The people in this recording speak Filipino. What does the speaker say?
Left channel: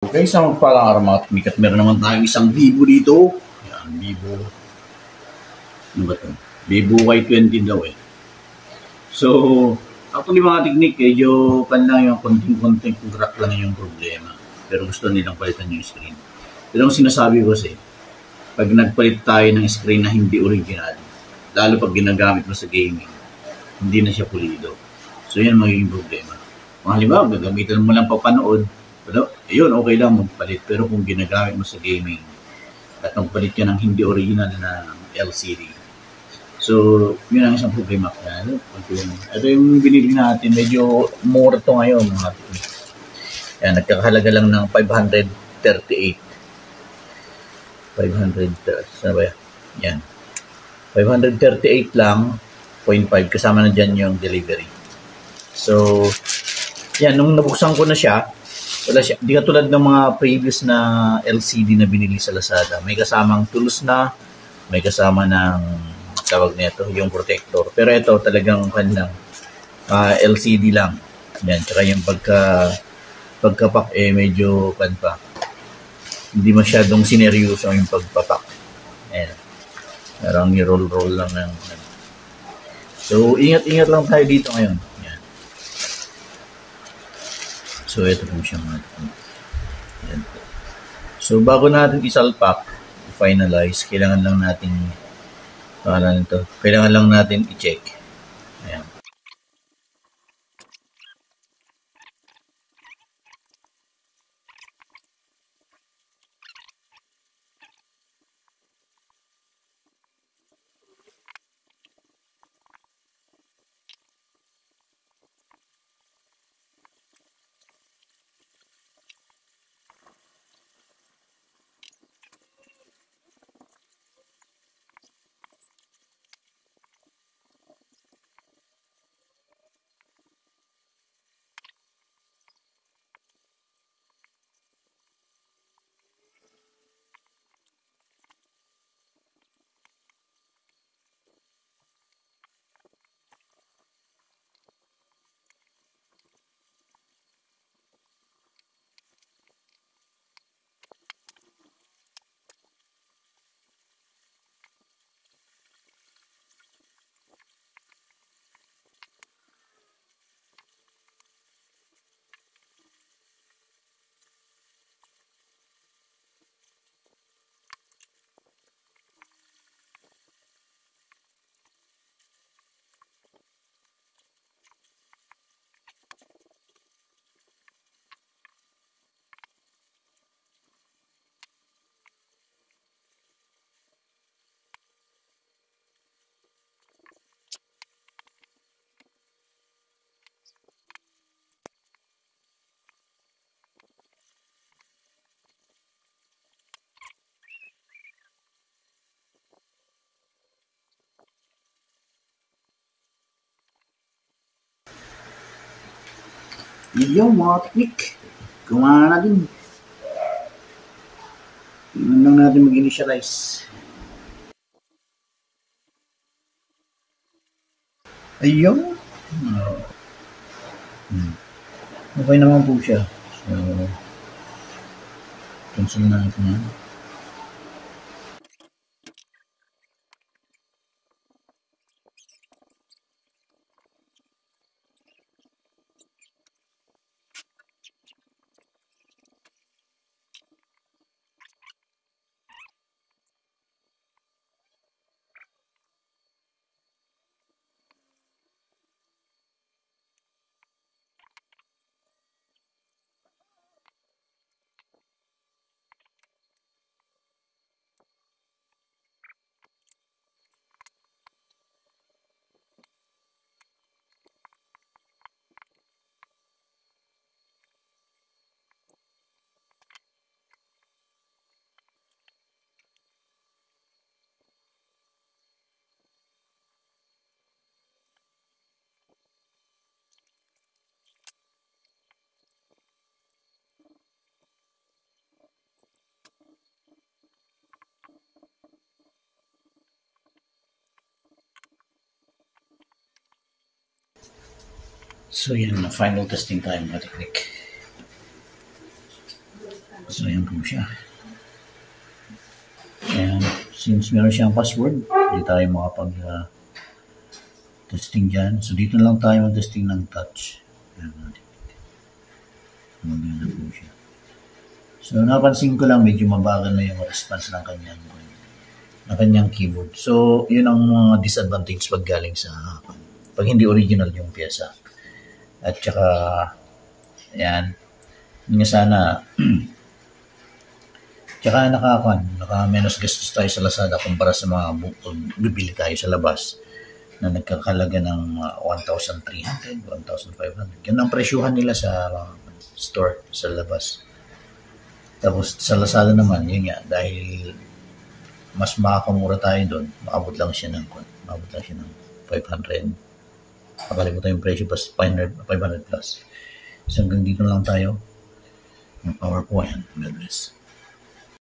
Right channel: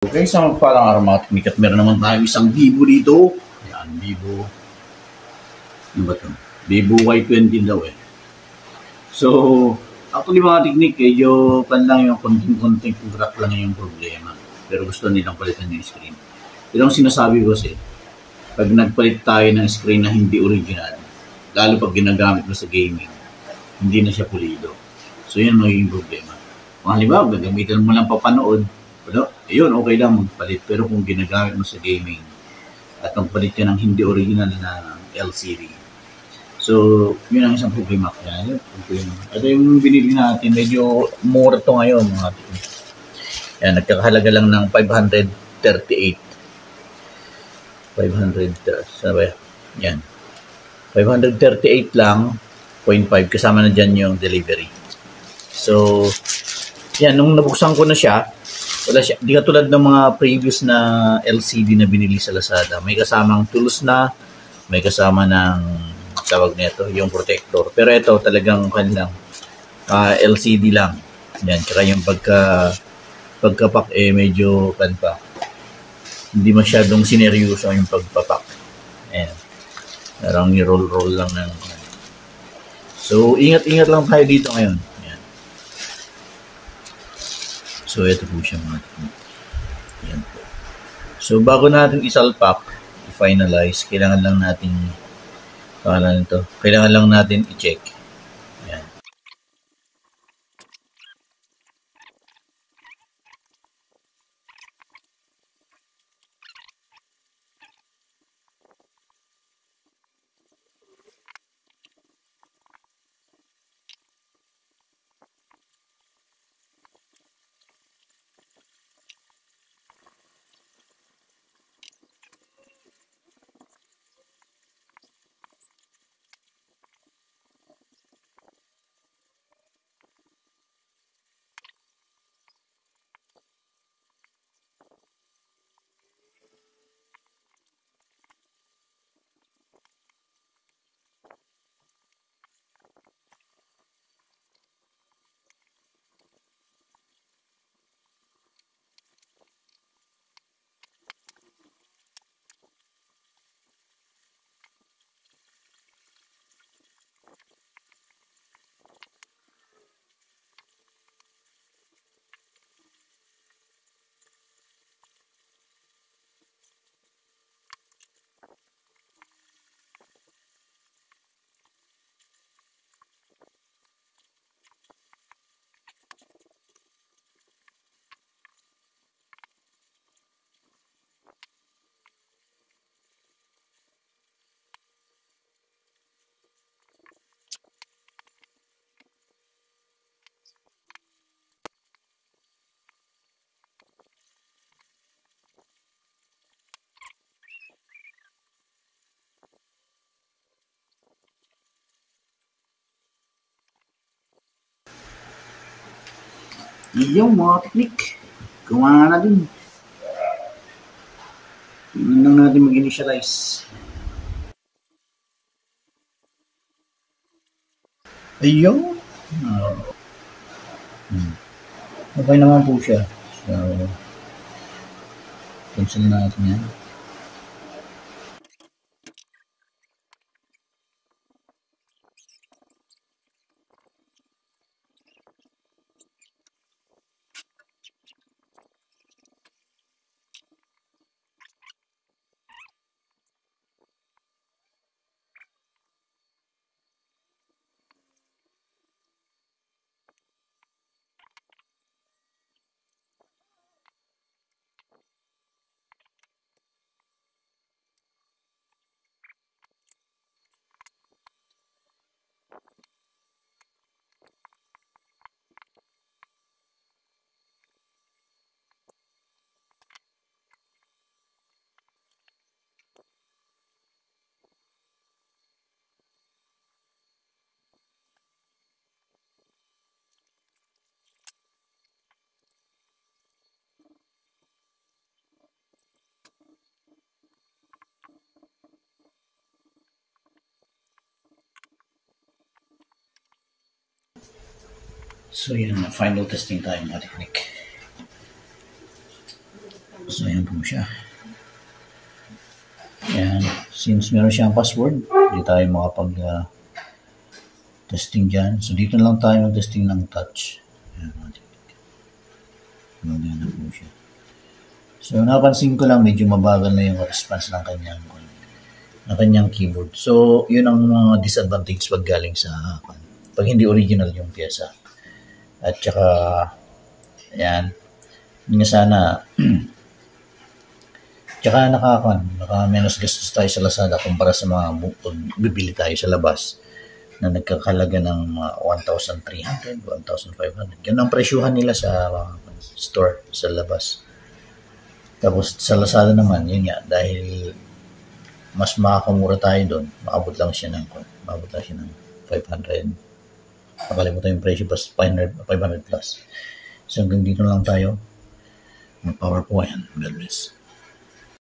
Okay, sa magpalang araw mga teknik at meron naman tayong isang Vivo dito. Yan, Vivo. Ano ba ito? Vivo Y20 daw eh. So, actually mga teknik, medyo pan lang yung konting-konting crack lang yung problema. Pero gusto nilang palitan yung screen. Pero ang sinasabi ko kasi, pag nagpalit tayo ng screen na hindi original, lalo pag ginagamit mo sa gaming, hindi na siya pulido. So, yan magiging problema. Mga halimbawa, gagamitan mo lang papanood, pero, ayun, okay lang magpalit. Pero kung ginagamit mo sa gaming at magpalit ka ng hindi original na LCD, so, yun ang isang problema. Ito yung binili natin. Medyo mura to ngayon. Yan, nagkakahalaga lang ng 538. 500, saan ba yan? 538 lang, 0.5. Kasama na dyan yung delivery. So, yan, nung nabuksan ko na siya, wala siya. Di katulad ng mga previous na LCD na binili sa Lazada. May kasamang tools na, may kasama ng tawag nito, yung protector. Pero ito talagang kanilang LCD lang. Yan, tsaka yung pagkapak medyo pa. Hindi masyadong sineryoso yung pagpapak. Ayan. Parang i-roll lang ng So, ingat-ingat lang tayo dito ngayon. Yan. So, ito po siya mga. Yan. So, bago natin isalpak, finalize, kailangan lang natin i-check. Ayan. Yung mga teknik, gumana na din. Tingnan lang natin mag-initialize. Ayun. Okay naman po siya. So, cancel natin yan. So yan, final testing tayo mga teknik. So, ayan po siya. And since meron siyang password, hindi tayo makapag-testing dyan. So, dito lang tayo mag-testing ng touch. Ayan natin. Maganda po siya. So, napansin ko lang medyo mabagal na yung response ng kanyang keyboard. So, yun ang mga disadvantage pag galing sa pag hindi original yung pyesa. At saka, ayan, hindi sana tsaka naka-menos gastos tayo sa Lazada kumpara sa mga bibili tayo sa labas na nagkakalaga ng 1,300, 1,500. Yan ang presyuhan nila sa store, sa labas. Tapos sa Lazada naman, yun nga, dahil mas makakamura tayo doon, maabot lang siya ng 500. Nakalimutan yung presyo, pas 500 plus. So hanggang dito lang tayo. Mag-power po yan. God bless.